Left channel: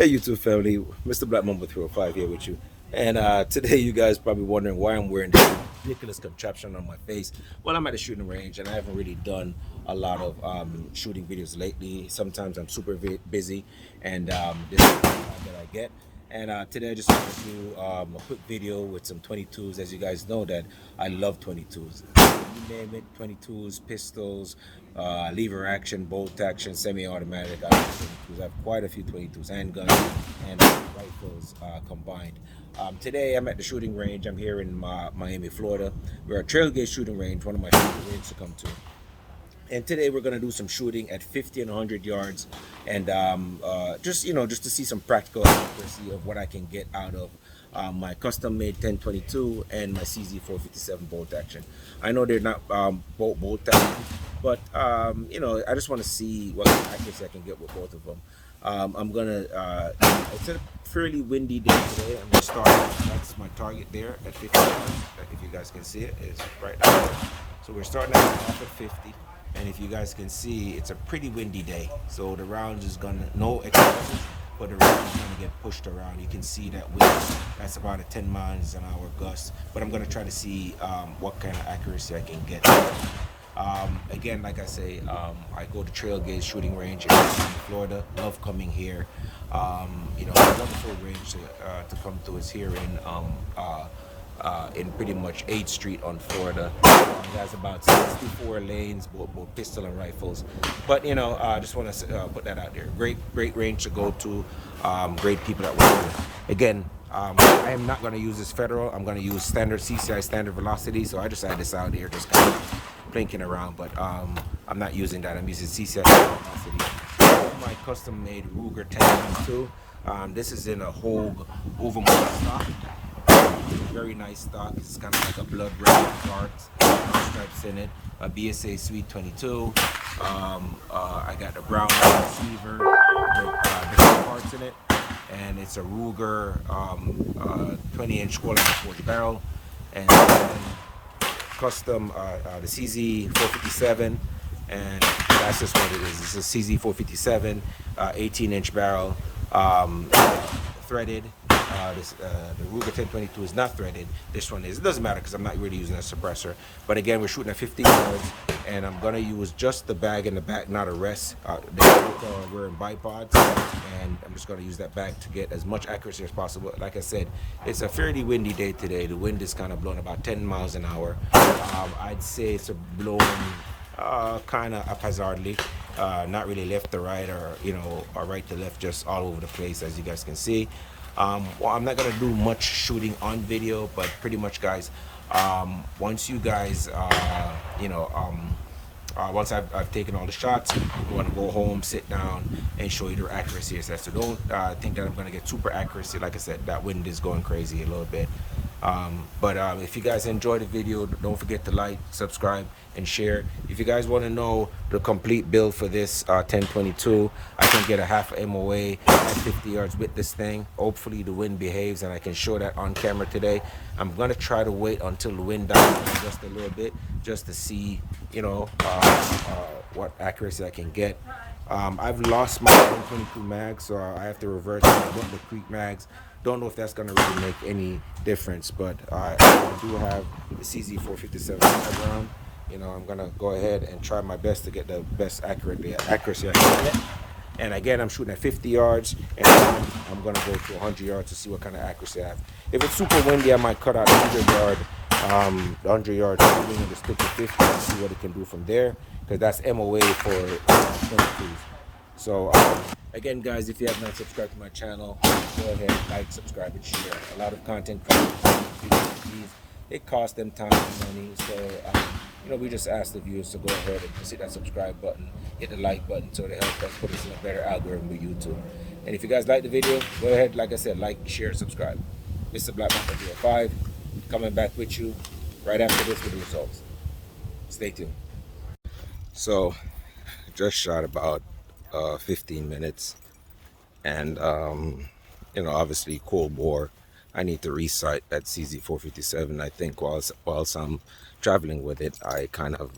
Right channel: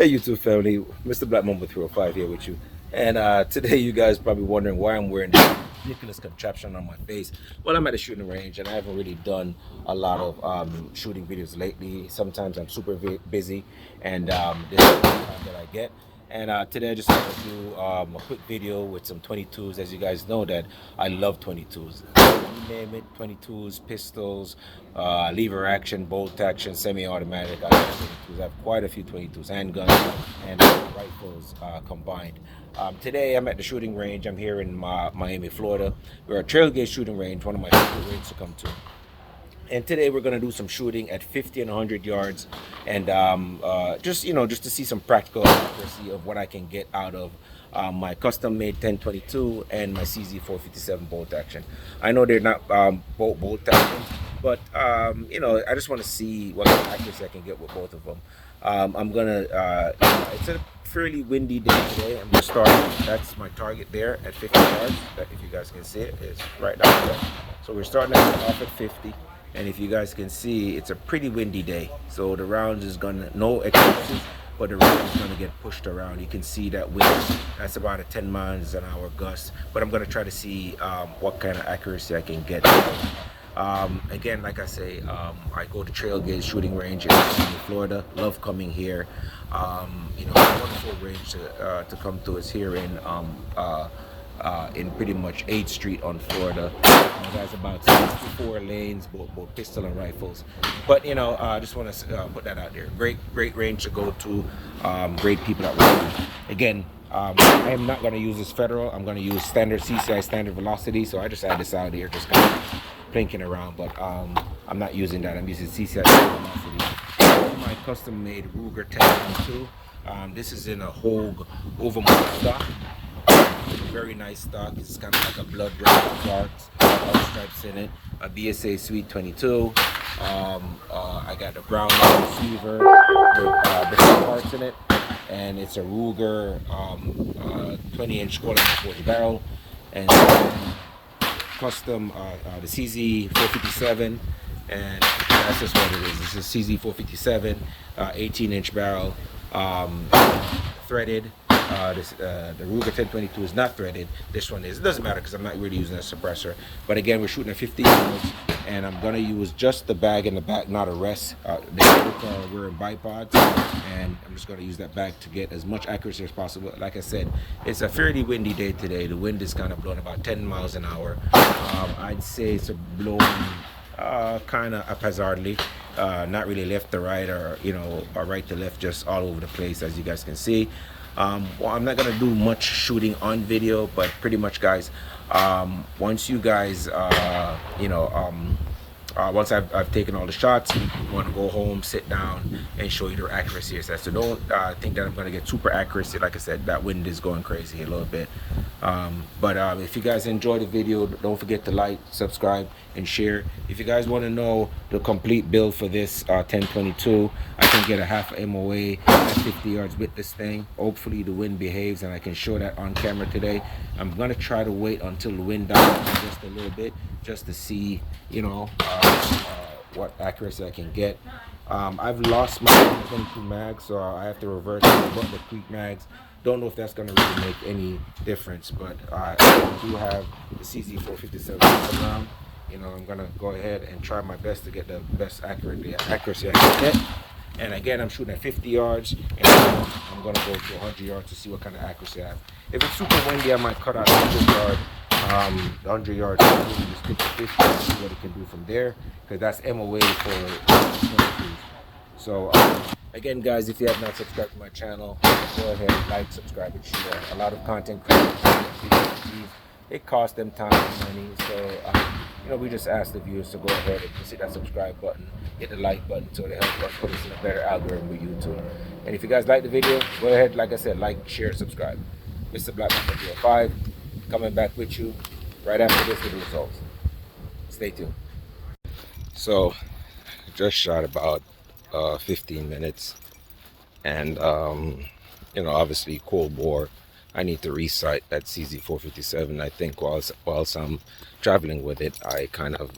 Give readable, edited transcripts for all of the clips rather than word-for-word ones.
Hey YouTube family, Mr. Black Mamba 305 here with you. And today you guys probably wondering why I'm wearing this ridiculous contraption on my face. Well, I'm at the shooting range and I haven't really done a lot of shooting videos lately. Sometimes I'm super busy and this is the time that I get. And today I just want to do a quick video with some 22s. As you guys know that I love 22s. You name it, 22s, pistols, lever action, bolt action, semi-automatic. I have 22s. I have quite a few 22s, handguns and rifles combined. Today I'm at the shooting range. I'm here in Miami, Florida. We're at Trail Gauge Shooting Range, one of my favorite ranges to come to. And today we're going to do some shooting at 50 and 100 yards, and just to see some practical accuracy of what I can get out of my custom-made 1022 and my CZ457 bolt action. I know they're not bolt action, but I just want to see what kind of accuracy I can get with both of them. I'm gonna. It's a fairly windy day today. I'm gonna start. That's my target there at 50 yards. If you guys can see it, it's right down there. So we're starting off at 50. And if you guys can see, it's a pretty windy day, so the rounds is gonna, no excuses, but the round is gonna get pushed around. You can see that wind, that's about a 10 miles an hour gust, but I'm gonna try to see what kind of accuracy I can get. Again, like I say, I go to Trail Gauge Shooting Range in Florida. Love coming here. A wonderful range to come to is here in pretty much 8th Street on Florida. It has about 64 lanes, both pistol and rifles. But I just want to put that out there. Great range to go to. Great people that work. Again, I am not going to use this federal. I'm going to use standard CCI standard velocity. So I just had this out here, just kind of plinking around. But I'm not using that. I'm using CCI standard velocity. My custom-made Ruger 1022. This is in a Hogue overmold stock. Very nice stock. It's kind of like a blood red with dark stripes in it. A BSA Sweet 22. I got the brown line receiver with different parts in it, and it's a Ruger 20-inch quarter forged barrel, and then custom the CZ 457, and that's just what it is. It's a CZ 457 18-inch barrel, threaded. The Ruger 1022 is not threaded. This one is. It doesn't matter because I'm not really using a suppressor. But again, we're shooting at 50 yards, and I'm gonna use just the bag in the back, not a rest. They both are wearing bipods, and I'm just gonna use that bag to get as much accuracy as possible. Like I said, it's a fairly windy day today. The wind is kind of blowing about 10 miles an hour. I'd say it's blowing kind of haphazardly, not really left to right or right to left, just all over the place, as you guys can see. Well, I'm not gonna do much shooting on video, but pretty much, guys, once you guys once I've taken all the shots, I want to go home, sit down, and show you the accuracy. So don't think that I'm going to get super accuracy. Like I said, that wind is going crazy a little bit. But if you guys enjoyed the video, don't forget to like, subscribe, and share. If you guys want to know the complete build for this 1022, I can get a half MOA at 50 yards with this thing. Hopefully the wind behaves and I can show that on camera today. I'm gonna try to wait until the wind dies down just a little bit, just to see what accuracy I can get. I've lost my 1022 mag, so I have to revert to the Butler Creek mags. Don't know if that's going to really make any difference, but I do have the CZ457 round. I'm going to go ahead and try my best to get the best accuracy I can get. And again, I'm shooting at 50 yards, and I'm going to go to 100 yards to see what kind of accuracy I have. If it's super windy, I might cut out 100 yards, and just stick to 50 and see what it can do from there, because that's MOA for 22s. So again, guys, if you have not subscribed to my channel, go ahead, like, subscribe, and share. A lot of content creators, it costs them time and money, so we just ask the viewers to go ahead and hit that subscribe button, hit the like button, so to help us put us in a better algorithm with YouTube. And if you guys like the video, go ahead, like I said, like, share, subscribe. Mr. Black Mamba 305 coming back with you right after this with the results. Stay tuned. So just shot about 15 minutes, and obviously cold bore. I need to resight that CZ457. I think whilst I'm traveling with it, I kind of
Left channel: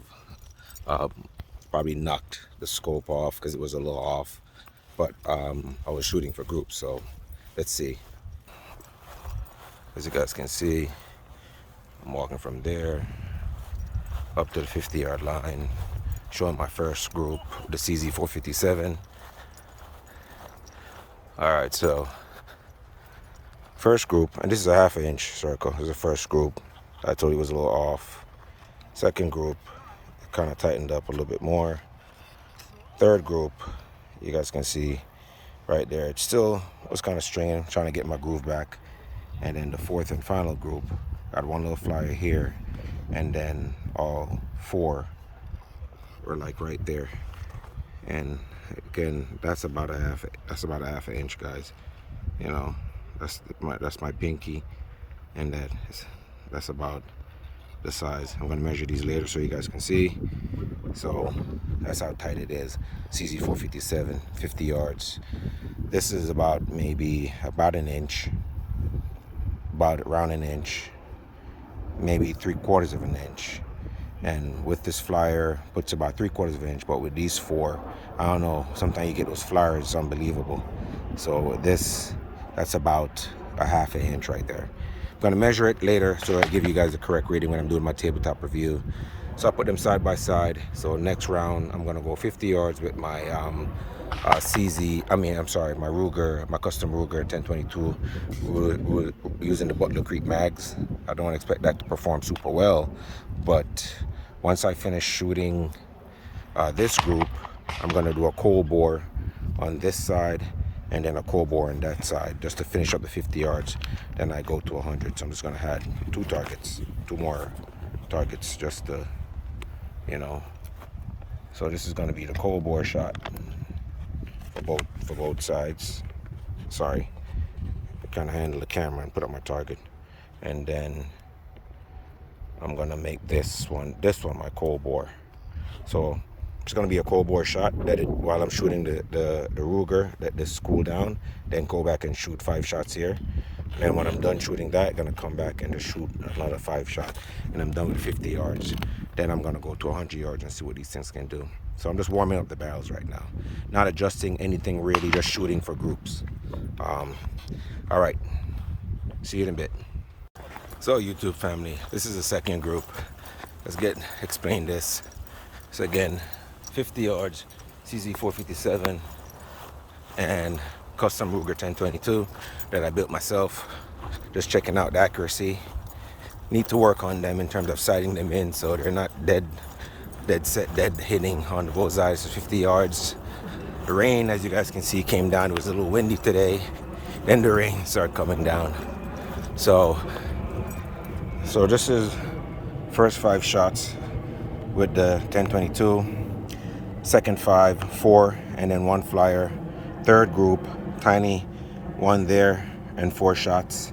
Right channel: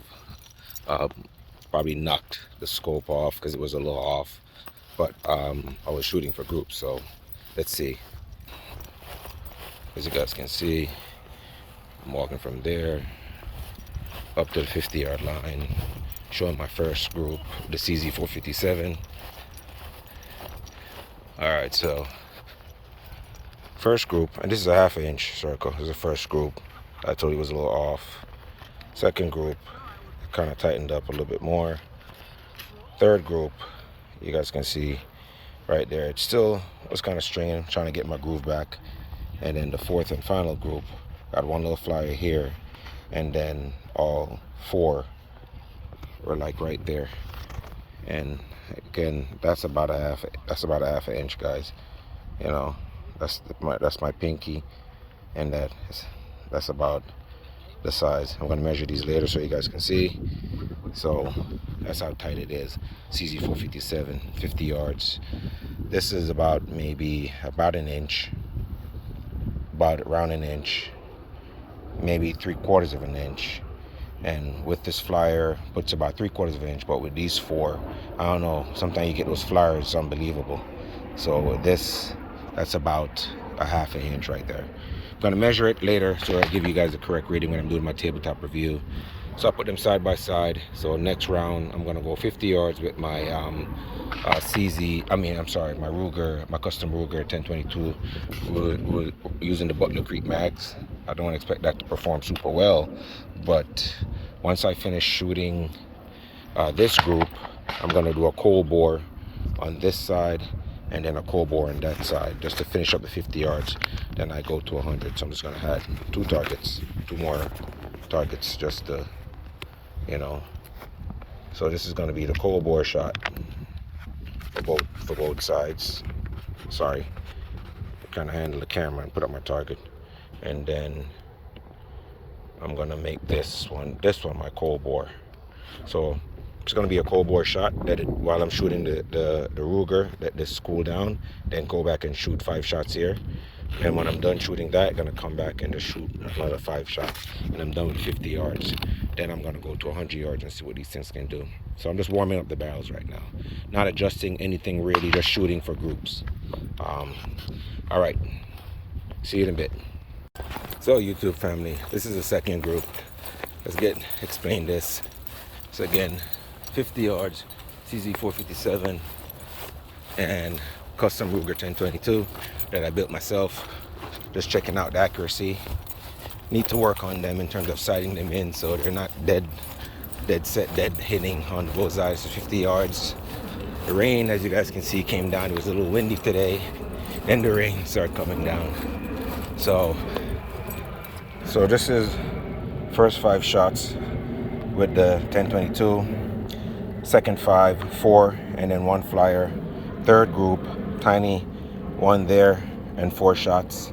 probably knocked the scope off because it was a little off. but I was shooting for groups. So let's see. As you guys can see, I'm walking from there up to the 50-yard line, showing my first group, the CZ457. All right, so first group, and this is a half-inch circle. This is the first group. I told you it was a little off. Second group, kind of tightened up a little bit more. Third group, you guys can see right there, it still was kind of stringing, trying to get my groove back. And then the fourth and final group, got one little flyer here, and then all four were like right there. And again, that's about a half an inch, guys. You know, that's my pinky, and that's about the size. I'm gonna measure these later so you guys can see. So that's how tight it is. CZ457, 50 yards. This is about maybe about an inch, around an inch, maybe 3/4 of an inch. And with this flyer, it's about 3/4 of an inch. But with these four, I don't know. Sometimes you get those flyers, it's unbelievable. So that's about a half an inch right there. I'm gonna measure it later, so I'll give you guys the correct reading when I'm doing my tabletop review. So I'll put them side by side. So next round, I'm gonna go 50 yards with my my Ruger, my custom Ruger 1022, using the Butler Creek mags. I don't expect that to perform super well, but once I finish shooting this group, I'm gonna do a cold bore on this side and then a cold bore on that side, just to finish up the 50 yards. Then I go to 100. So I'm just gonna have two more targets, just to, you know. So this is gonna be the cold bore shot for both sides. Sorry, I kind of handle the camera and put up my target, and then I'm gonna make this one my cold bore. So it's gonna be a cold bore shot while I'm shooting the Ruger, let this cool down, then go back and shoot 5 shots here. And when I'm done shooting that, I'm gonna come back and just shoot another 5 shots, and I'm done with 50 yards. Then I'm gonna go to 100 yards and see what these things can do. So I'm just warming up the barrels right now, not adjusting anything really, just shooting for groups. All right, see you in a bit. So YouTube family, this is the second group. Let's explain this. So again, 50 yards, CZ457, and custom Ruger 1022 that I built myself. Just checking out the accuracy. Need to work on them in terms of sighting them in so they're not dead hitting on the bullseyes for 50 yards. The rain, as you guys can see, came down. It was a little windy today. Then the rain started coming down. So this is first 5 shots with the 1022. Second 5, 4, and then 1 flyer. Third group, tiny, 1 there and 4 shots.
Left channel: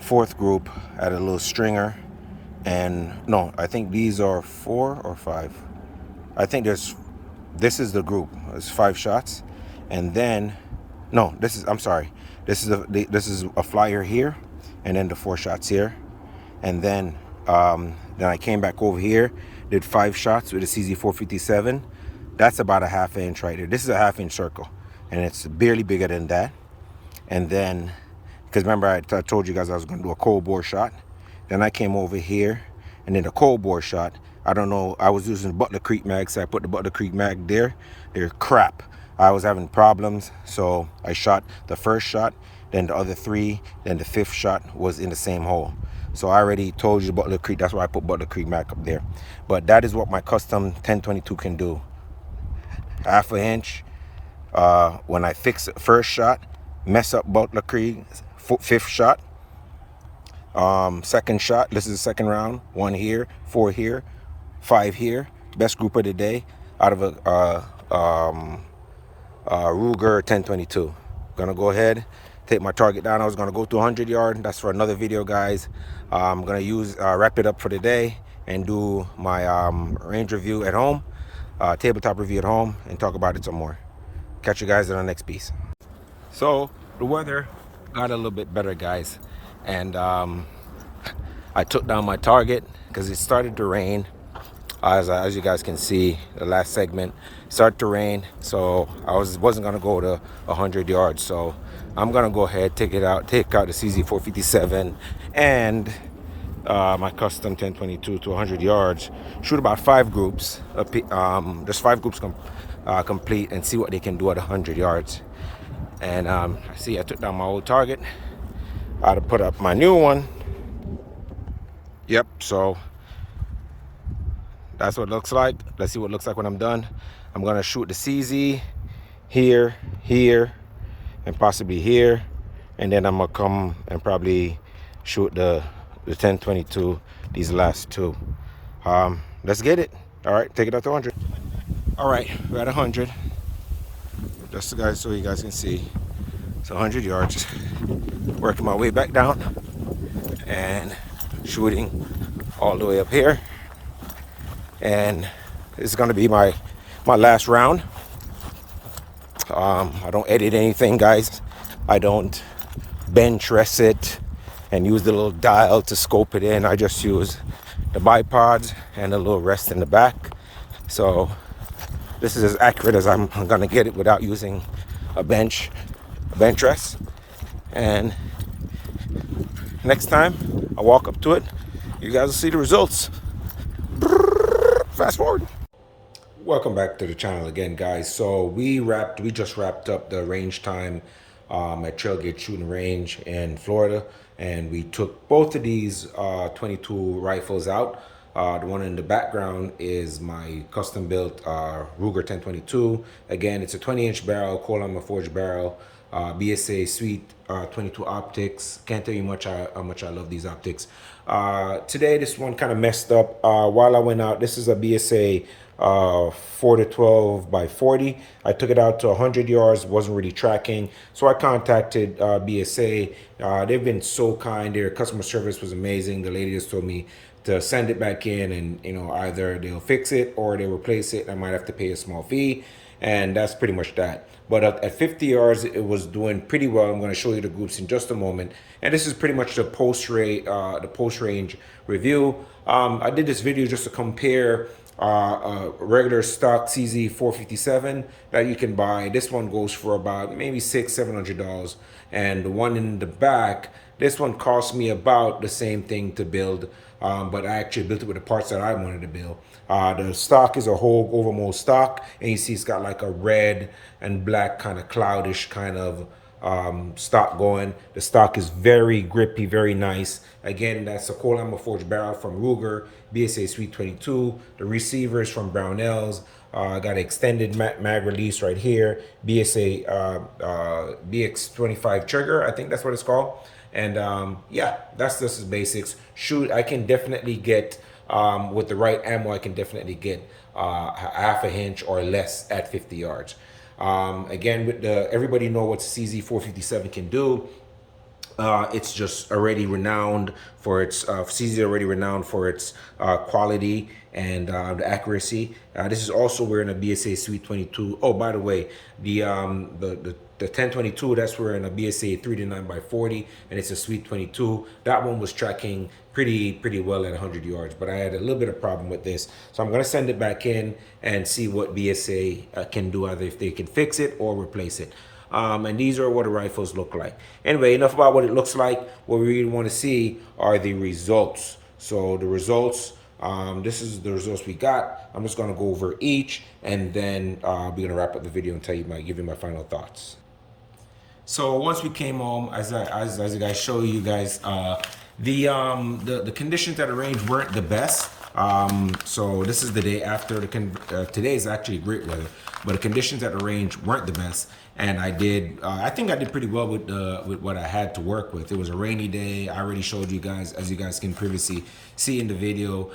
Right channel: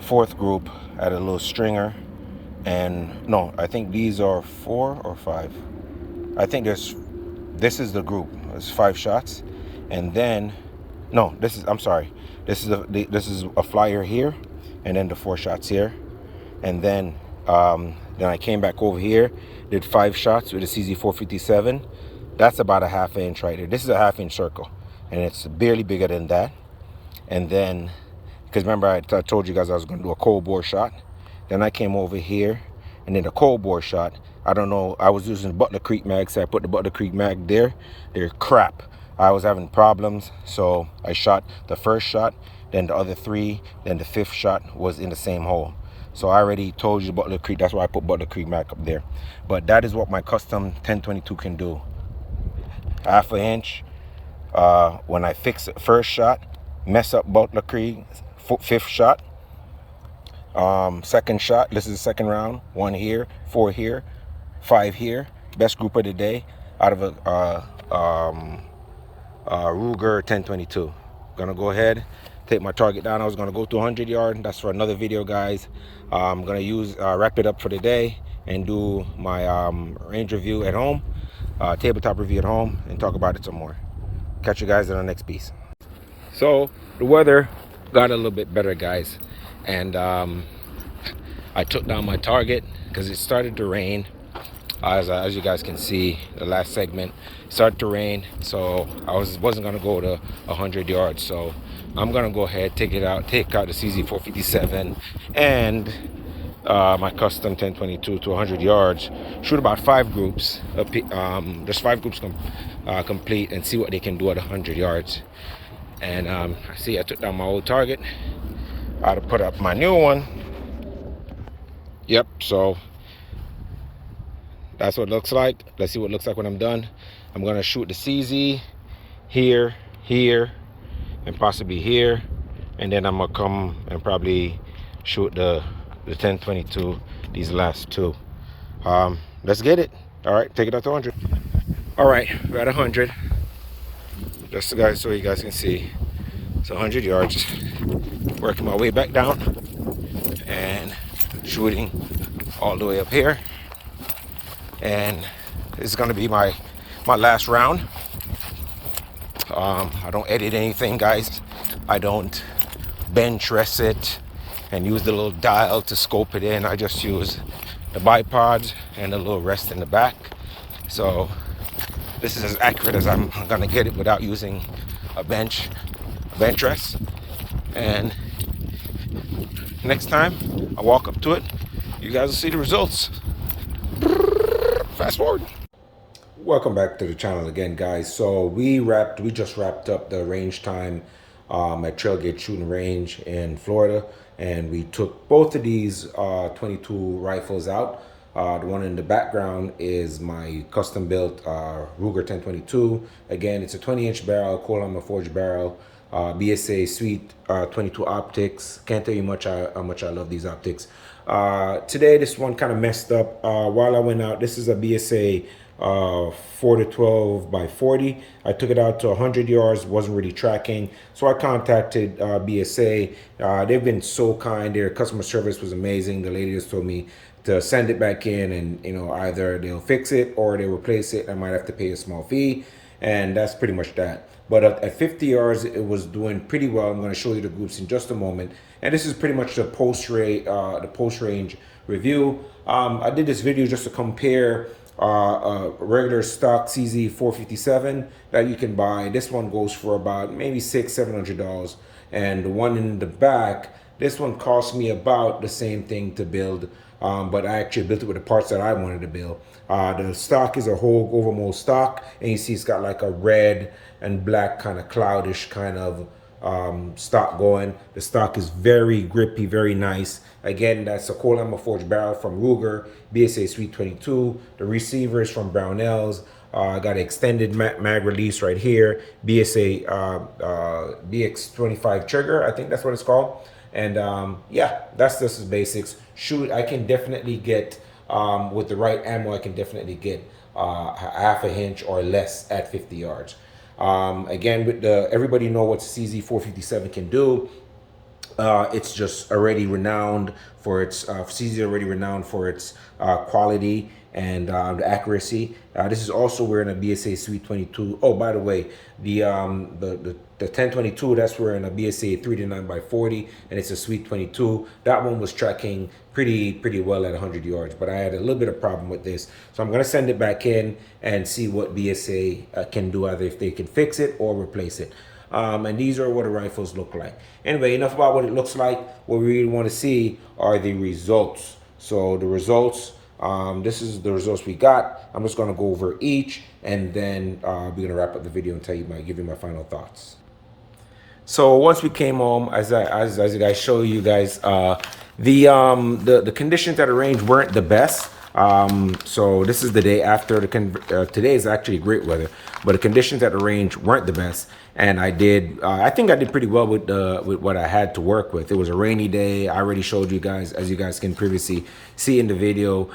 Fourth group, had a little stringer, and no, I think these are 4 or 5. I think this is the group. It's 5 shots, and then no, this is a flyer here, and then the 4 shots here, and then I came back over here, did 5 shots with the CZ457. That's about a half inch right here. This is a half inch circle, and it's barely bigger than that. And then, because remember I told you guys I was going to do a cold bore shot. Then I came over here and did a cold bore shot. I don't know, I was using Butler Creek mag, so I put the Butler Creek mag there. They're crap. I was having problems, so I shot the first shot, then the other 3, then the 5th shot was in the same hole. So I already told you Butler Creek, that's why I put Butler Creek mag up there. But that is what my custom 1022 can do. Half an inch. When I fix the first shot, mess up Butler Creek, 5th shot. Second shot, this is the second round. 1 here, 4 here, 5 here. Best group of the day out of a Ruger 1022. Gonna go ahead, take my target down. I was gonna go to 100 yard. That's for another video, guys. I'm gonna wrap it up for the day and do my range review at home, tabletop review at home, and talk about it some more. Catch you guys in the next piece. So the weather got a little bit better, guys, and I took down my target because it started to rain. As you guys can see, the last segment started to rain, so I wasn't gonna go to 100 yards. So I'm gonna go ahead, take out the CZ457 and my custom 1022 to 100 yards. Shoot about 5 groups, just 5 groups complete, and see what they can do at 100 yards. And I see I took down my old target. I had to put up my new one. Yep, so that's what it looks like. Let's see what it looks like when I'm done. I'm gonna shoot the CZ here, here, and possibly here, and then I'm gonna come and probably shoot the 1022, these last 2. Let's get it. All right, take it up to 100. All right, we're at 100. Just so you guys can see. So 100 yards. Working my way back down and shooting all the way up here. And this is gonna be my last round. I don't edit anything, guys. I don't bench rest it and use the little dial to scope it in. I just use the bipods and a little rest in the back. So this is as accurate as I'm gonna get it without using a bench rest. And next time I walk up to it, you guys will see the results. Fast forward. Welcome back to the channel again, guys. So we just wrapped up the range time at Trailgate Shooting Range in Florida, and we took both of these 22 rifles out. The one in the background is my custom built Ruger 1022. Again, it's a 20-inch barrel, Coleman forged barrel, BSA Sweet 22 optics. Can't tell you how much I love these optics. Today, this one kind of messed up. While I went out, this is a BSA 4 to 12 by 40. I took it out to 100 yards, wasn't really tracking. So I contacted BSA. They've been so kind. Their customer service was amazing. The lady just told me to send it back in, and either they'll fix it or they'll replace it. I might have to pay a small fee, and that's pretty much that. But at 50 yards, it was doing pretty well. I'm going to show you the groups in just a moment. And this is pretty much the post-range review. I did this video just to compare a regular stock CZ457 that you can buy. This one goes for about maybe $600-700, and the one in the back, this one cost me about the same thing to build, but I actually built it with the parts that I wanted to build. The stock is a whole overmold stock, and you see it's got like a red and black kind of cloudish kind of stock going. The stock is very grippy, very nice. Again, that's a Coleman forged barrel from Ruger, BSA Sweet 22. The receiver is from Brownells. Got an extended mag release right here, BSA BX25 trigger, I think that's what it's called. And yeah, that's just the basics. Shoot, I can definitely get, with the right ammo, I can definitely get half a inch or less at 50 yards. Again, with everybody know what CZ457 can do. It's just already renowned for its CZ already renowned for its quality and the accuracy. This is also wearing a BSA Sweet 22. Oh, by the way, the 1022, that's wearing a BSA 3 to 9 by 40, and it's a Sweet 22. That one was tracking pretty well at 100 yards, but I had a little bit of problem with this, so I'm gonna send it back in and see what BSA can do, either if they can fix it or replace it. And these are what the rifles look like. Anyway, enough about what it looks like. What we really want to see are the results. So the results, this is the results we got. I'm just going to go over each, and then we're going to wrap up the video and give you my final thoughts. So once we came home, as you guys show you guys, the conditions at the range weren't the best. So this is the day after. Today is actually great weather, but the conditions at the range weren't the best. And I think I did pretty well with what I had to work with. It was a rainy day. I already showed you guys, as you guys can previously see in the video.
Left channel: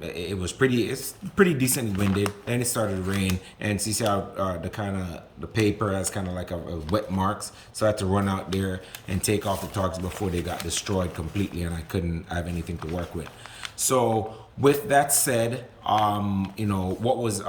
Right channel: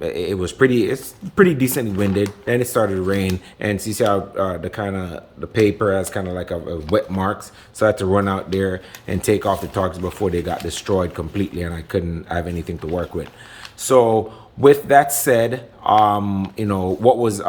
It's pretty decently winded. Then it started to rain, and see how the paper has kind of like a wet marks. So I had to run out there and take off the targets before they got destroyed completely, and I couldn't have anything to work with. So with that said, what was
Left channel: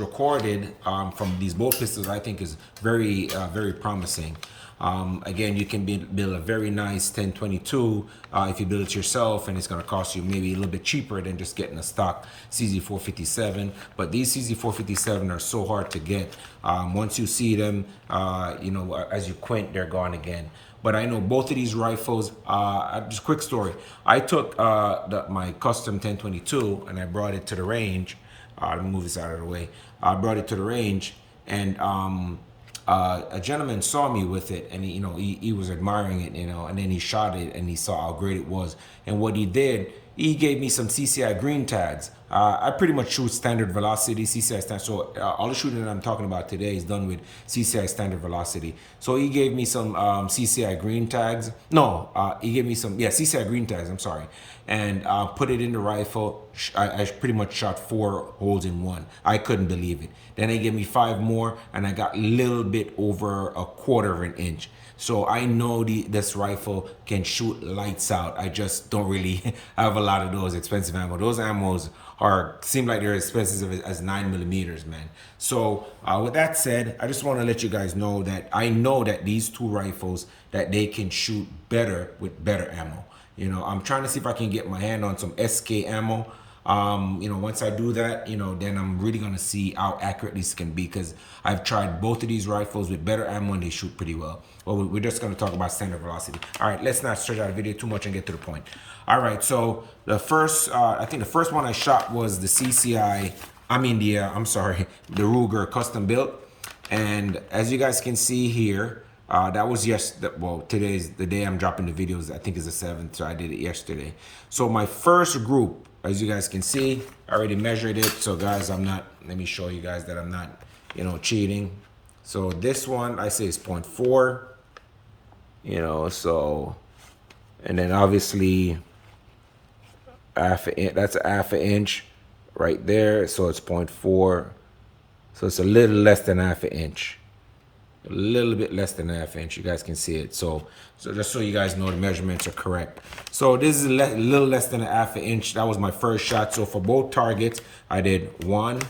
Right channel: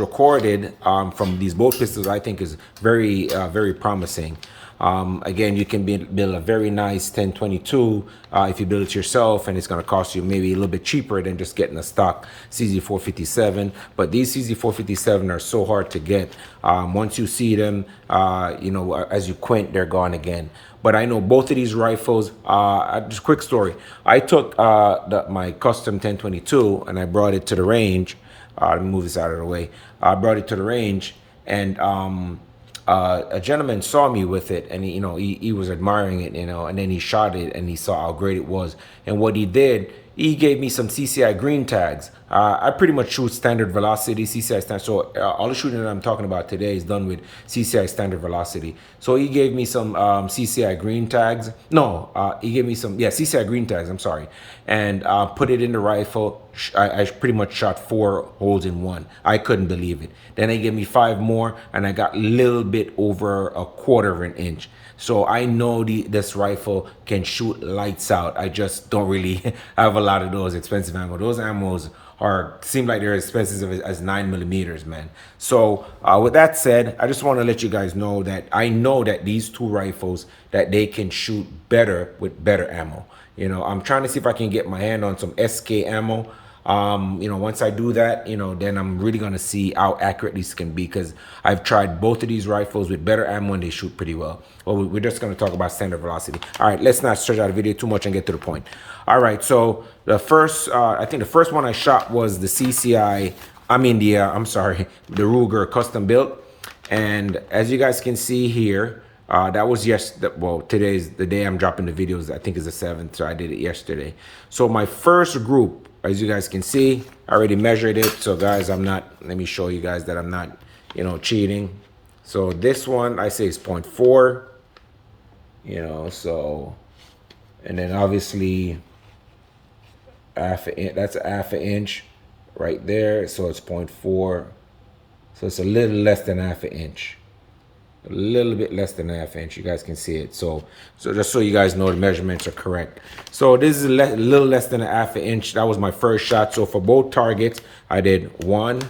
recorded from these both pistols, I think, is very promising. Again, you can build a very nice 1022 if you build it yourself, and it's going to cost you maybe a little bit cheaper than just getting a stock CZ457. But these CZ457 are so hard to get. Once you see them, you know, as you quint, they're gone again. But I know both of these rifles. Just a quick story. I took my custom 1022 and I brought it to the range. Let me move this out of the way. I brought it to the range, and a gentleman saw me with it, and he was admiring it, and then he shot it and he saw how great it was. And what he did, he gave me some CCI green tags. I pretty much shoot standard velocity, CCI standard. So all the shooting that I'm talking about today is done with CCI standard velocity. So he gave me some CCI green tags. No, he gave me some, CCI green tags, I'm sorry. And put it in the rifle. I pretty much shot 4 holes in one. I couldn't believe it. Then they gave me 5 more, and I got a little bit over a 1/4 of an inch. So I know this rifle can shoot lights out. I just don't really have a lot of those expensive ammo. Those ammos seem like they're expensive as 9mm, man. So with that said, I just want to let you guys know that I know that these two rifles, that they can shoot better with better ammo. You know, I'm trying to see if I can get my hand on some SK ammo. You know, once I do that, you know, then I'm really going to see how accurate these can be, because I've tried both of these rifles with better ammo and they shoot pretty well. Well, we're just going to talk about standard velocity. All right, let's not stretch out the video too much and get to the point. All right, so the first, I think the first one I shot was the CCI, the Ruger custom built. And as you guys can see here, that was today's the day I'm dropping the videos. I think is the 7th, so I did it yesterday. So my first group, as you guys can see, I already measured it. So guys, let me show you guys that I'm not, you know, cheating. So this one I say is 0.4, you know, so, and then obviously that's a half an inch right there. So it's 0.4. So it's a little less than half an inch. A little bit less than half inch. You guys can see it. So just so you guys know the measurements are correct. So this is a little less than a half an inch. That was my first shot. So for both targets, I did 1,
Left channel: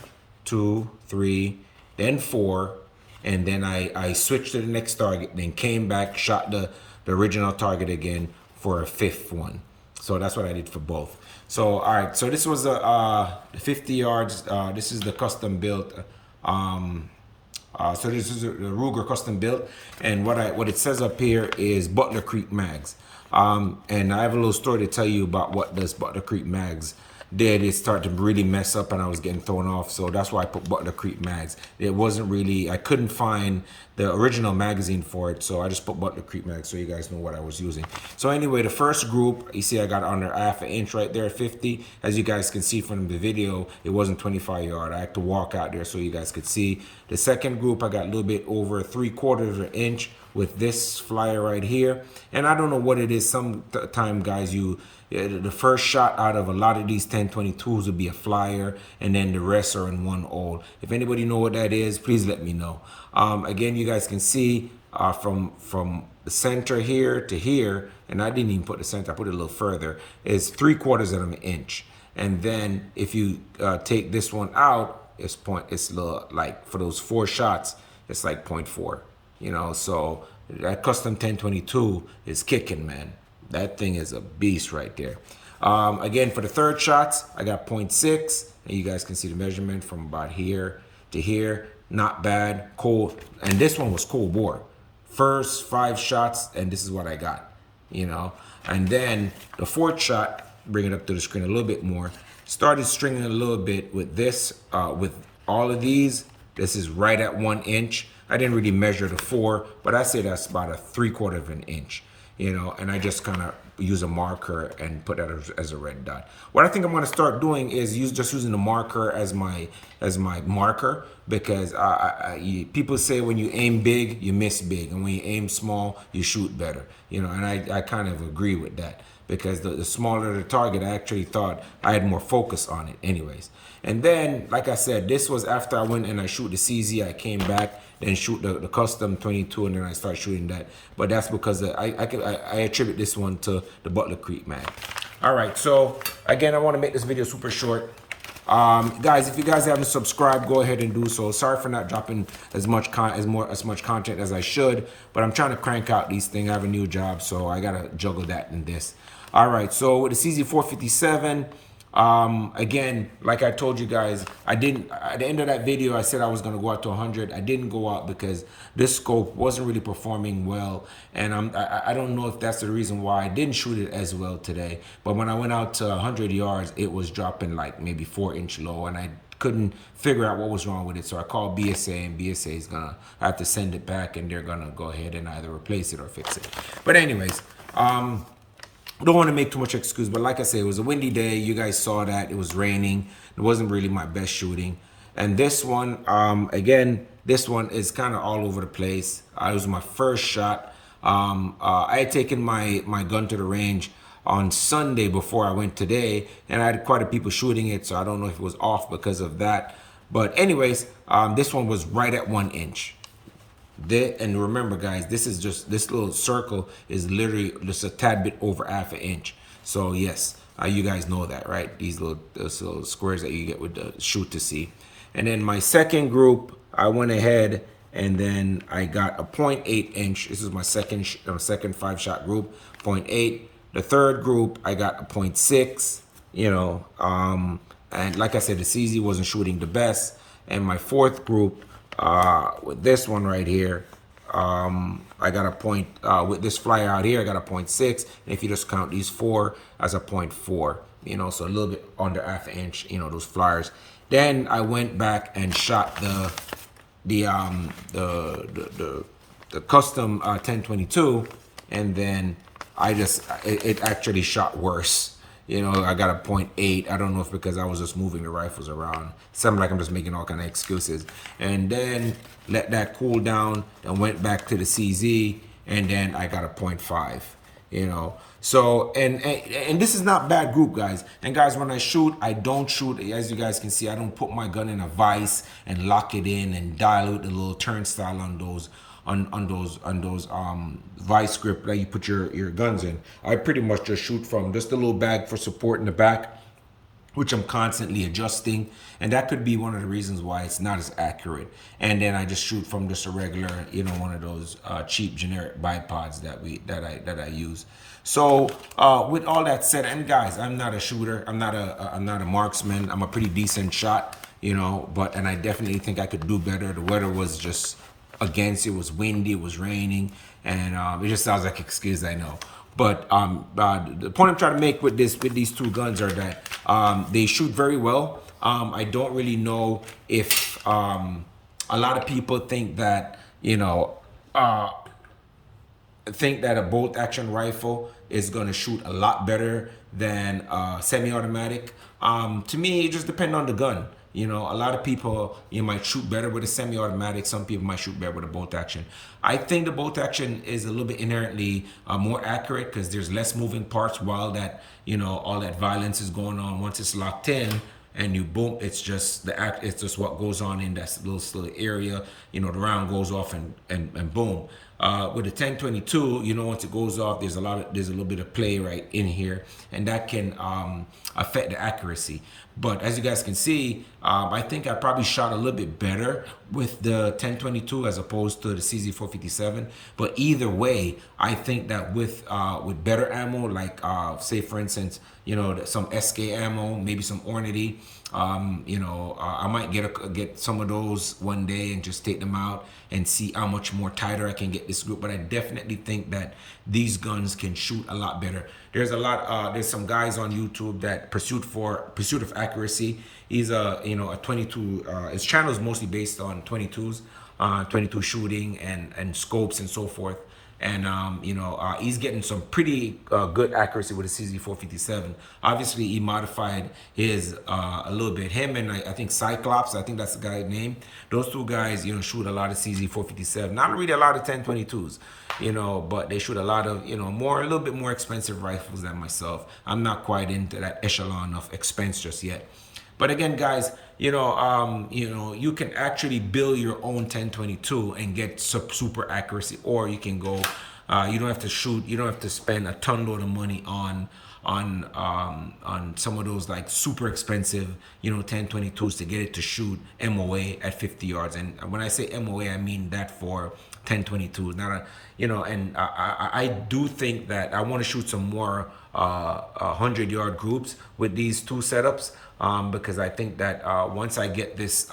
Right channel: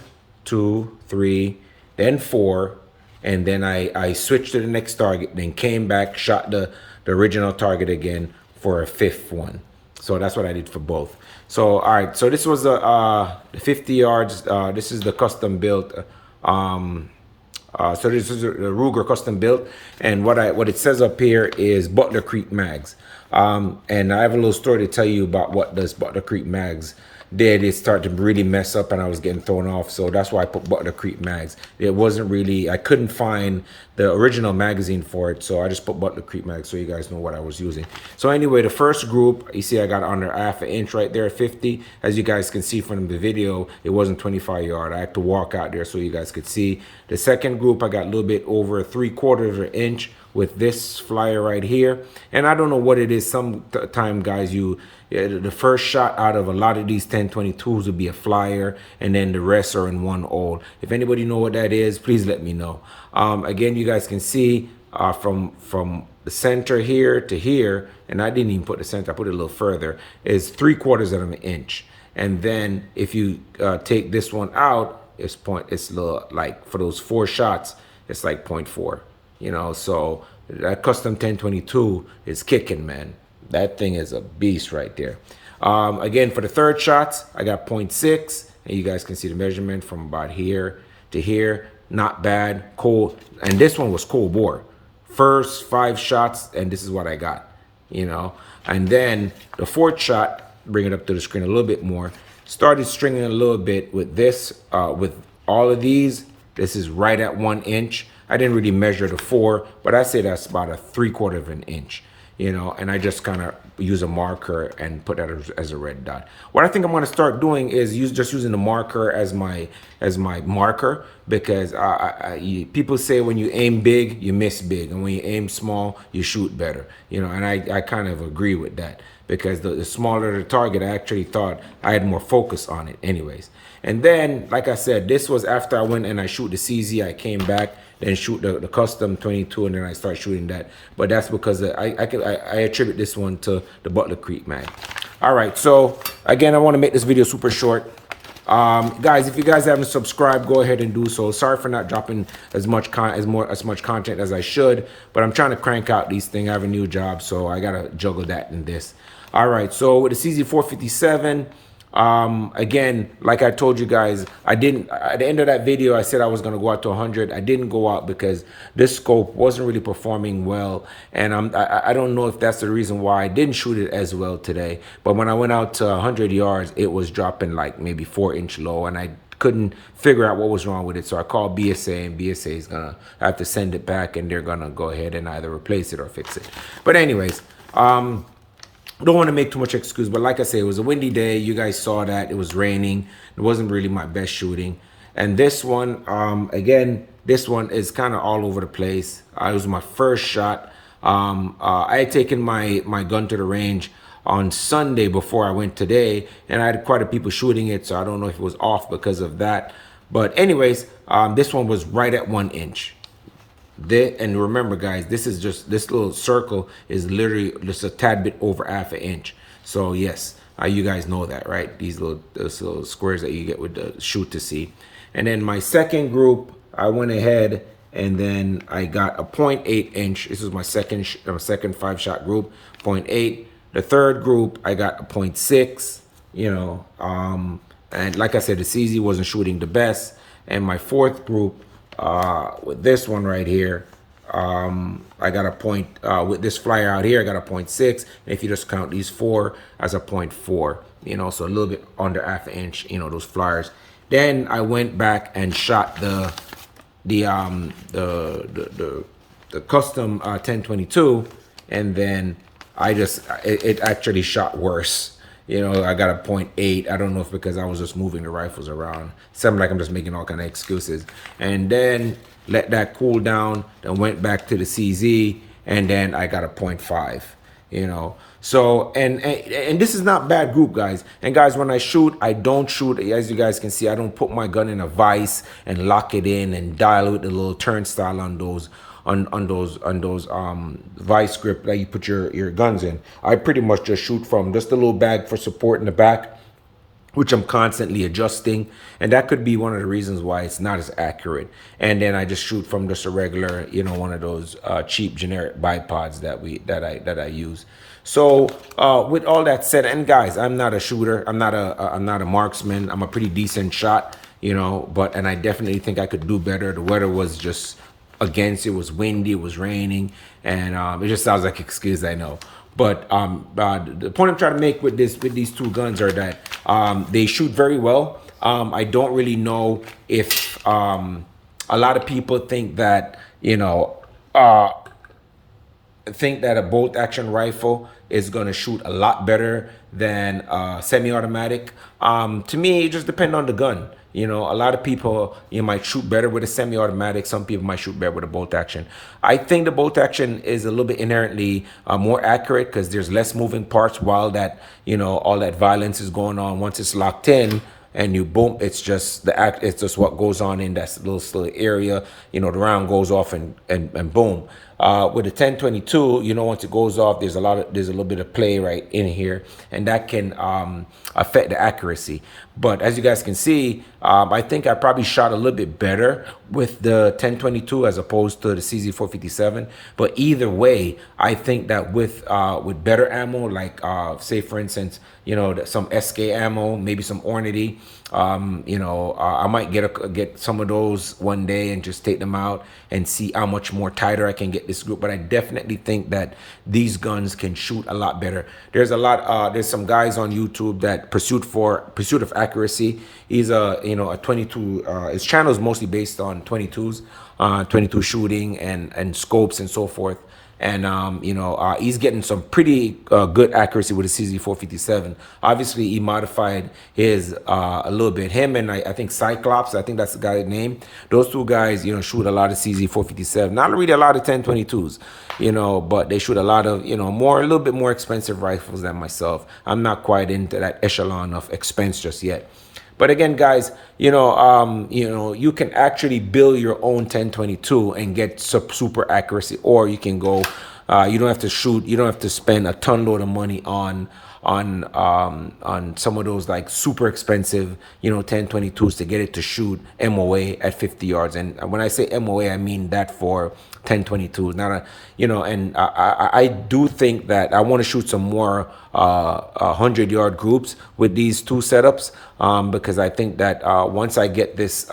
2, 3, then 4, and then I switched to the next target, then came back, shot the original target again for a 5th one. So that's what I did for both. So all right, so this was the 50 yards. This is the custom built. So this is the Ruger custom built, and what it says up here is Butler Creek mags. And I have a little story to tell you about what this Butler Creek mags did. It started to really mess up, and I was getting thrown off. So that's why I put Butler Creek mags. It wasn't really, I couldn't find the original magazine for it, so I just put Butler Creek mags so you guys know what I was using. So anyway, the first group, you see I got under half an inch right there at 50. As you guys can see from the video, it wasn't 25 yard. I had to walk out there so you guys could see. The second group, I got a little bit over 3/4 of an inch with this flyer right here. And I don't know what it is. Sometime, guys, the first shot out of a lot of these 1022s will be a flyer, and then the rest are in one hole. If anybody know what that is, please let me know. Again, you guys can see from the center here to here, and I didn't even put the center, I put it a little further, is 3/4 of an inch. And then if you take this one out, it's little, like for those 4 shots, it's like 0.4. You know, so that custom 1022 is kicking, man. That thing is a beast right there. Again, for the third shots, I got 0.6, and you guys can see the measurement from about here to here. Not bad, cold. And this one was cold bore. First 5 shots, and this is what I got, you know. And then the 4th shot, bring it up to the screen a little bit more, started stringing a little bit with this, with all of these. This is right at 1 inch. I didn't really measure the 4, but I say that's about a 3/4 of an inch, you know, and I just kind of use a marker and put that as a red dot. What I think I'm going to start doing is using the marker as my marker, because people say when you aim big, you miss big, and when you aim small, you shoot better, you know, and I kind of agree with that, because the smaller the target, I actually thought I had more focus on it anyways. And then, like I said, this was after I went and I shoot the CZ. I came back, then shoot the custom 22, and then I start shooting that. But that's because I attribute this one to the Butler Creek mag. All right, so again, I want to make this video super short. Guys, if you guys haven't subscribed, go ahead and do so. Sorry for not dropping as much content as I should, but I'm trying to crank out these things. I have a new job, so I gotta juggle that and this. All right, so with the CZ457, again, like I told you guys, I didn't, at the end of that video, I said I was going to go out to 100. I didn't go out because this scope wasn't really performing well. And I don't know if that's the reason why I didn't shoot it as well today. But when I went out to 100 yards, it was dropping like maybe 4-inch low, and I couldn't figure out what was wrong with it. So I called BSA, and BSA is going to have to send it back, and they're going to go ahead and either replace it or fix it. But anyways, don't want to make too much excuse, but like I say, it was a windy day. You guys saw that. It was raining. It wasn't really my best shooting. And this one, again, this one is kind of all over the place. It was my first shot. I had taken my gun to the range on Sunday before I went today, and I had quite a people shooting it, so I don't know if it was off because of that. But anyways, this one was right at 1 inch. And remember, guys, this little circle is literally just a tad bit over half an inch. So yes, you guys know that, right? These little squares that you get with the shoot to see. And then my second group, I went ahead and then I got a 0.8 inch. This is my second 5-shot group, 0.8. The third group, I got a 0.6. And like I said, the CZ wasn't shooting the best. And my fourth group, with this one right here, I got a point, with this flyer out here, I got a 0.6. And if you just count these four as a 0.4, so a little bit under half an inch, those flyers. Then I went back and shot the custom 1022, and then it actually shot worse. I got a 0.8. I don't know if because I was just moving the rifles around. Something like I'm just making all kind of excuses. And then let that cool down, then went back to the CZ, and then I got a 0.5, So, and this is not bad group, guys. And guys, when I shoot, I don't shoot, as you guys can see, I don't put my gun in a vise and lock it in and dial with the little turnstile on those vice grip that you put your guns in. I pretty much just shoot from just a little bag for support in the back, which I'm constantly adjusting, and that could be one of the reasons why it's not as accurate. And then I just shoot from just a regular, one of those cheap generic bipods that I use. So with all that said, and guys, I'm not a shooter, I'm not a marksman, I'm a pretty decent shot, and I definitely think I could do better. The weather was just against. It was windy, it was raining, and it just sounds like an excuse, I know. But the point I'm trying to make with these two guns are that they shoot very well. I don't really know if a lot of people think that a bolt action rifle is going to shoot a lot better than semi-automatic. To me, it just depends on the gun. A lot of people might shoot better with a semi-automatic. Some people might shoot better with a bolt action. I think the bolt action is a little bit inherently more accurate because there's less moving parts while that all that violence is going on. Once it's locked in and you boom, it's just what goes on in that little area. The round goes off and boom. With the 1022, once it goes off, there's a little bit of play right in here, and that can affect the accuracy. But as you guys can see, I think I probably shot a little bit better with the 1022 as opposed to the CZ457. But either way, I think that with better ammo, like say for instance, some SK ammo, maybe some Ornity, I might get some of those one day and just take them out and see how much more tighter I can get this group. But I definitely think that these guns can shoot a lot better. There's some guys on YouTube that Pursuit of Accuracy. He's a 22. His channel is mostly based on 22s, 22 shooting and scopes and so forth. And he's getting some pretty good accuracy with the CZ457. Obviously, he modified his a little bit. Him and I think Cyclops, I think that's the guy's name. Those two guys, shoot a lot of CZ457. Not really a lot of 1022s, but they shoot a lot of, a little bit more expensive rifles than myself. I'm not quite into that echelon of expense just yet. But again, guys, you can actually build your own 1022 and get super accuracy, or you can go, you don't have to spend a ton load of money on on some of those like super expensive, 1022s to get it to shoot MOA at 50 yards. And when I say MOA, I mean that for 1022s, not a, and I do think that I want to shoot some more 100-yard groups with these two setups, because I think that once I get this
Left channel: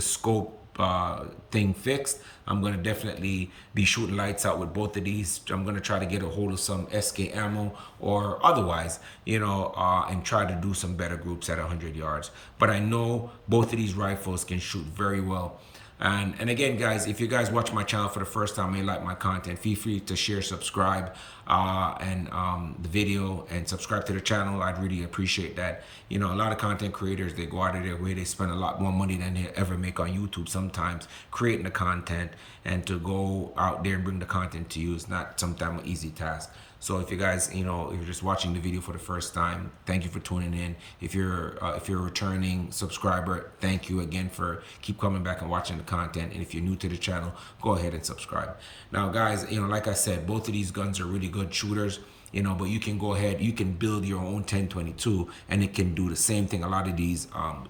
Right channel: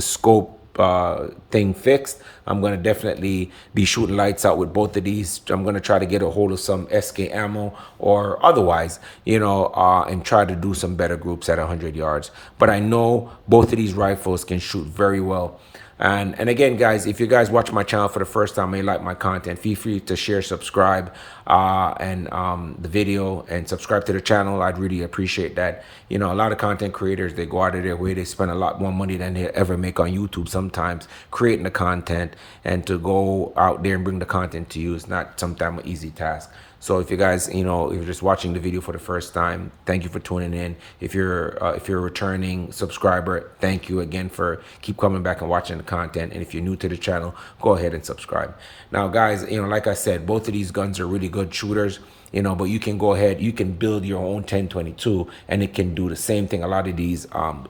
scope thing fixed, I'm gonna definitely be shooting lights out with both of these. I'm gonna try to get a hold of some SK ammo or otherwise, and try to do some better groups at 100 yards. But I know both of these rifles can shoot very well. And again, guys, if you guys watch my channel for the first time and you like my content, feel free to share, subscribe, and the video, and subscribe to the channel. I'd really appreciate that. A lot of content creators, they go out of their way, they spend a lot more money than they ever make on YouTube sometimes creating the content, and to go out there and bring the content to you is not sometimes an easy task. So if you guys, if you're just watching the video for the first time, thank you for tuning in. If you're a returning subscriber, thank you again for keep coming back and watching the content. And if you're new to the channel, go ahead and subscribe. Now, guys, like I said, both of these guns are really good shooters. But you can go ahead, you can build your own 1022 and it can do the same thing a lot of these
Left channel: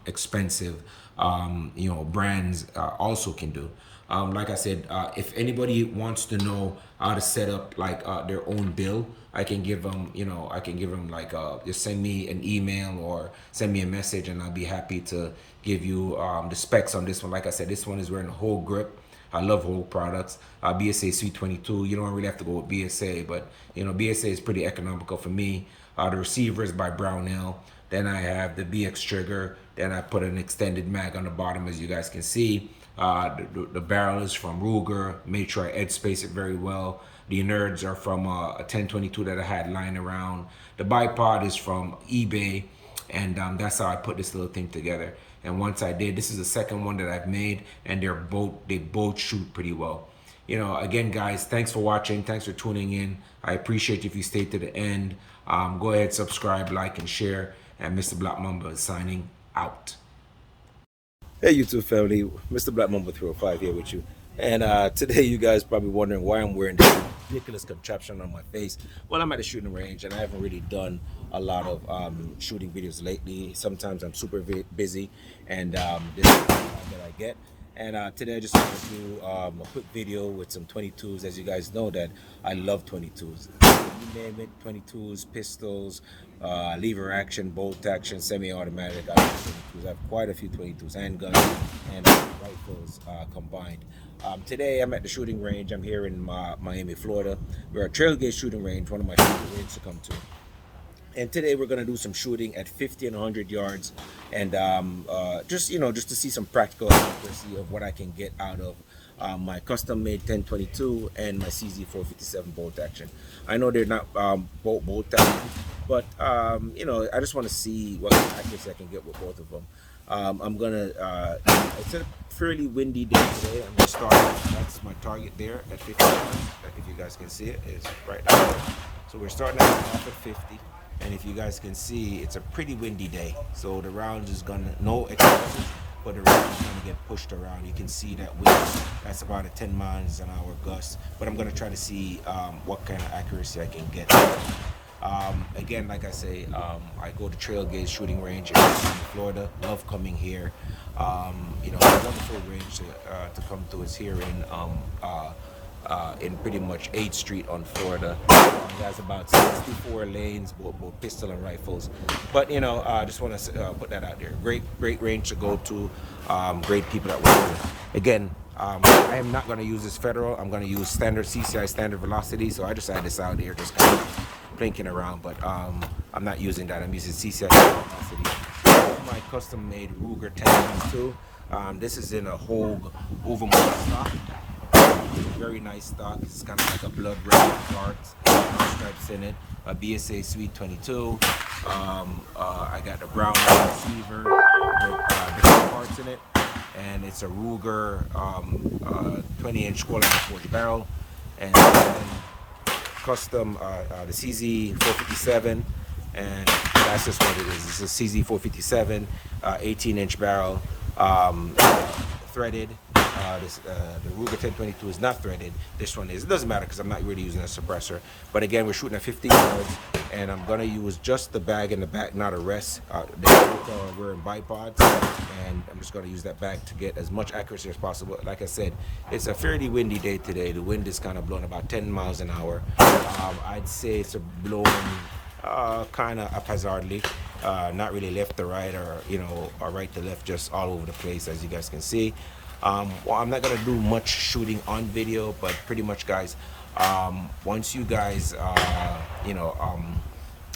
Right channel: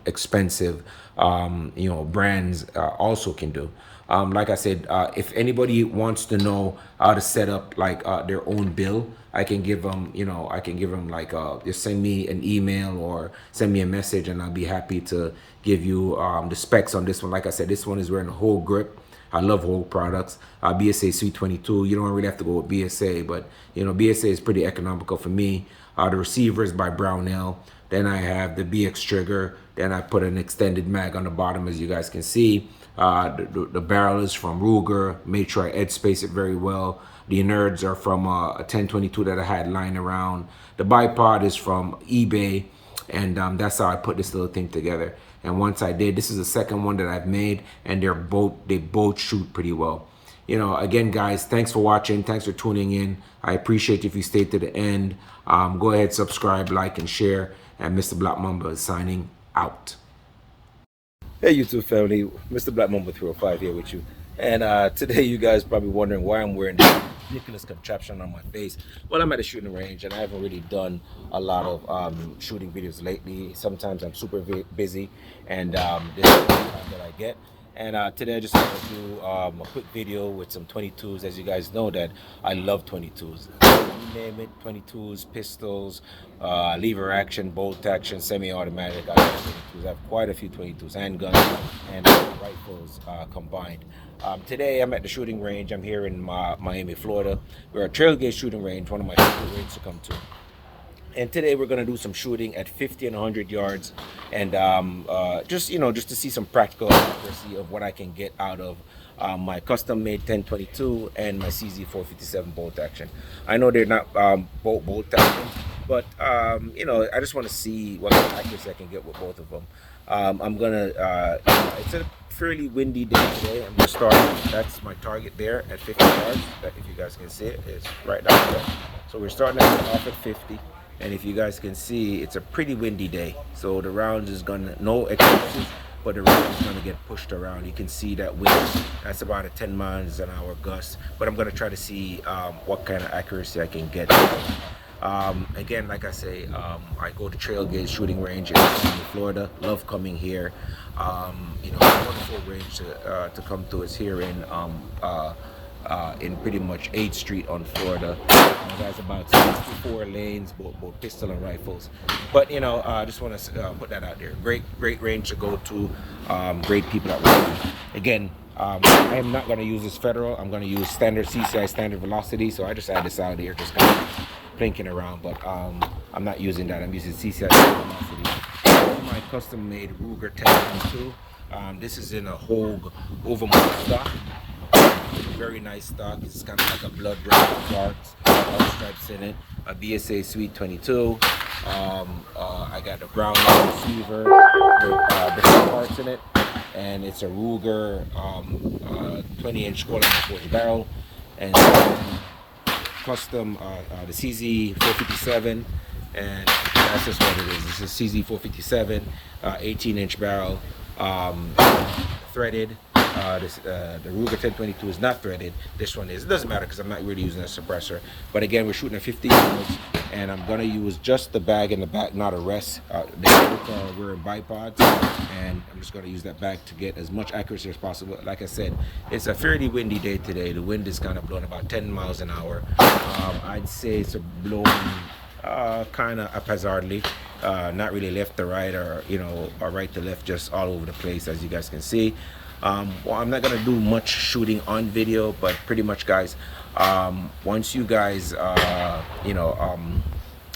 expensive brands also can do. Like I said, if anybody wants to know how to set up like their own bill, I can give them, like just send me an email or send me a message, and I'll be happy to give you the specs on this one. Like I said, this one is wearing a whole grip. I love whole products. BSA Sweet 22. You don't really have to go with BSA, but BSA is pretty economical for me. The receiver is by Brownell. Then I have the BX trigger. Then I put an extended mag on the bottom, as you guys can see. The barrel is from Ruger. Made sure I edge space it very well. The innards are from a 1022 that I had lying around. The bipod is from eBay, and that's how I put this little thing together. And once I did, this is the second one that I've made, and they both shoot pretty well. Again, guys, thanks for watching. Thanks for tuning in. I appreciate if you stayed to the end. Go ahead, subscribe, like, and share. And Mr. Black Mamba is signing out. Hey, YouTube family, Mr. Black Mamba 305 here with you. And today you guys probably wondering why I'm wearing this ridiculous contraption on my face. Well, I'm at a shooting range and I haven't really done a lot of shooting videos lately. Sometimes I'm super busy, and this is the time that I get. And today I just want to do a quick video with some 22s. As you guys know that I love 22s. You name it, 22s, pistols, lever action, bolt action, semi-automatic. I love 22s. I have quite a few 22s, handguns and rifles combined. Today I'm at the shooting range. I'm here in Miami, Florida. We're at Trailgate Shooting Range, one of my favorite ranges to come to. And today we're going to do some shooting at 50 and 100 yards, and just to see some practical accuracy of what I can get out of my custom-made 1022 and my CZ457 bolt action. I know they're not bolt action, but I just want to see what kind of accuracy I can get with both of them. I'm gonna it's a fairly windy day today. I'm gonna start, that's my target there at 50 yards. If you guys can see it, it's right down there. So we're starting off at 50. And if you guys can see, it's a pretty windy day. So the rounds is gonna, no excuses, but the round is gonna get pushed around. You can see that wind, that's about a 10 miles an hour gust. But I'm gonna try to see what kind of accuracy I can get. Again, like I say, I go to Trailgate Shooting Range in Florida. Love coming here. A wonderful range to come to is here in pretty much 8th Street on Florida. That's about 64 lanes, both pistol and rifles. But I just want to put that out there. Great range to go to. Great people that work. Again, I am not going to use this federal. I'm going to use standard CCI standard velocity. So I just had this out here, just kind of plinking around. But I'm not using that. I'm using CCI standard velocity. This is my custom-made Ruger 1022. This is in a Hogue overmold stock. Very nice stock. It's kind of like a blood red with dark stripes in it. A BSA Sweet 22. I got the brown receiver with different parts in it, and it's a Ruger 20-inch quarter forged barrel, and then custom the CZ457, and that's just what it is. It's a CZ457 18-inch barrel, threaded. The Ruger 1022 is not threaded. This one is. It doesn't matter because I'm not really using a suppressor. But again, we're shooting at 50 yards, and I'm gonna use just the bag in the back, not a rest. They both are wearing bipods, and I'm just gonna use that bag to get as much accuracy as possible. Like I said, it's a fairly windy day today. The wind is kind of blowing about 10 miles an hour. I'd say it's blowing kind of haphazardly, not really left to right or or right to left, just all over the place, as you guys can see. Well, I'm not gonna do much shooting on video, but pretty much, guys, once you guys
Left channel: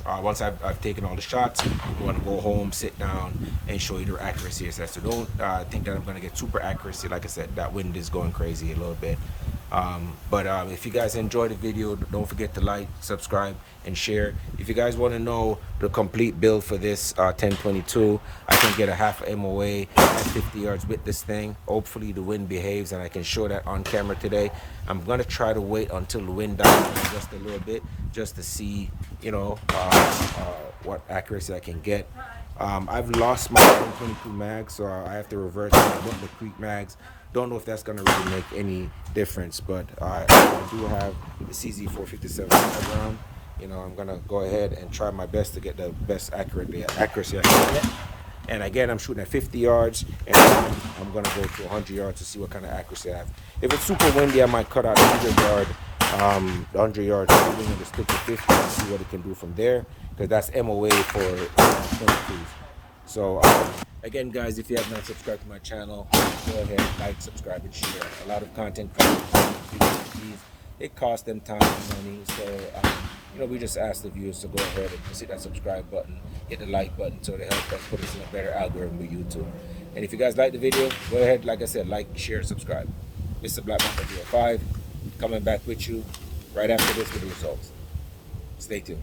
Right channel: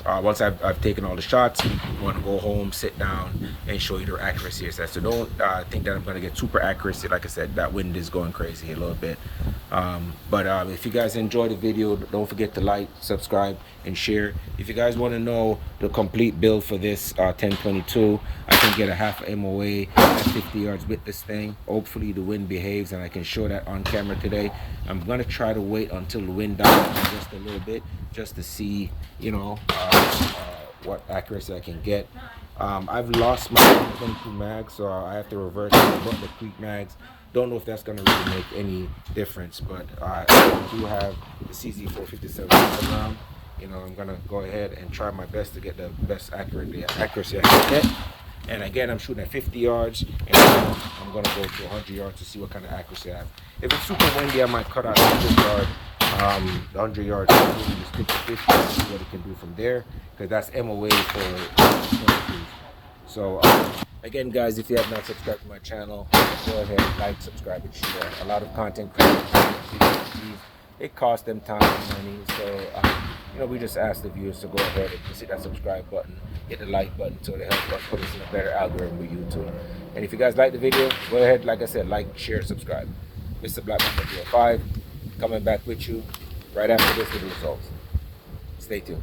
once I've taken all the shots, I want to go home, sit down, and show you the accuracy. So don't think that I'm going to get super accuracy. Like I said, that wind is going crazy a little bit. But if you guys enjoyed the video, don't forget to like, subscribe, and share. If you guys want to know the complete build for this 1022, I can get a half MOA at 50 yards with this thing. Hopefully the wind behaves and I can show that on camera today. I'm going to try to wait until the wind dies down just a little bit, just to see what accuracy I can get. I've lost my 1022 mag, so I have to revert to my Butler Creek mags. Don't know if that's going to really make any difference, but I do have the CZ 457 round. I'm going to go ahead and try my best to get the best accuracy I can get. And again, I'm shooting at 50 yards, and then I'm going to go to 100 yards to see what kind of accuracy I have. If it's super windy, I might cut out 100 yards. 100 yards, I'm going to stick to 50 and see what it can do from there, because that's MOA for 22s. So again, guys, if you have not subscribed to my channel, go ahead, like, subscribe, and share. A lot of content creators, it costs them time and money, so we just ask the viewers to go ahead and hit that subscribe button, hit the like button, so to help us put us in a better algorithm with YouTube. And if you guys like the video, go ahead, like I said, like, share, subscribe. Mr. Black Mamba 305 coming back with you right after this with the results. Stay tuned.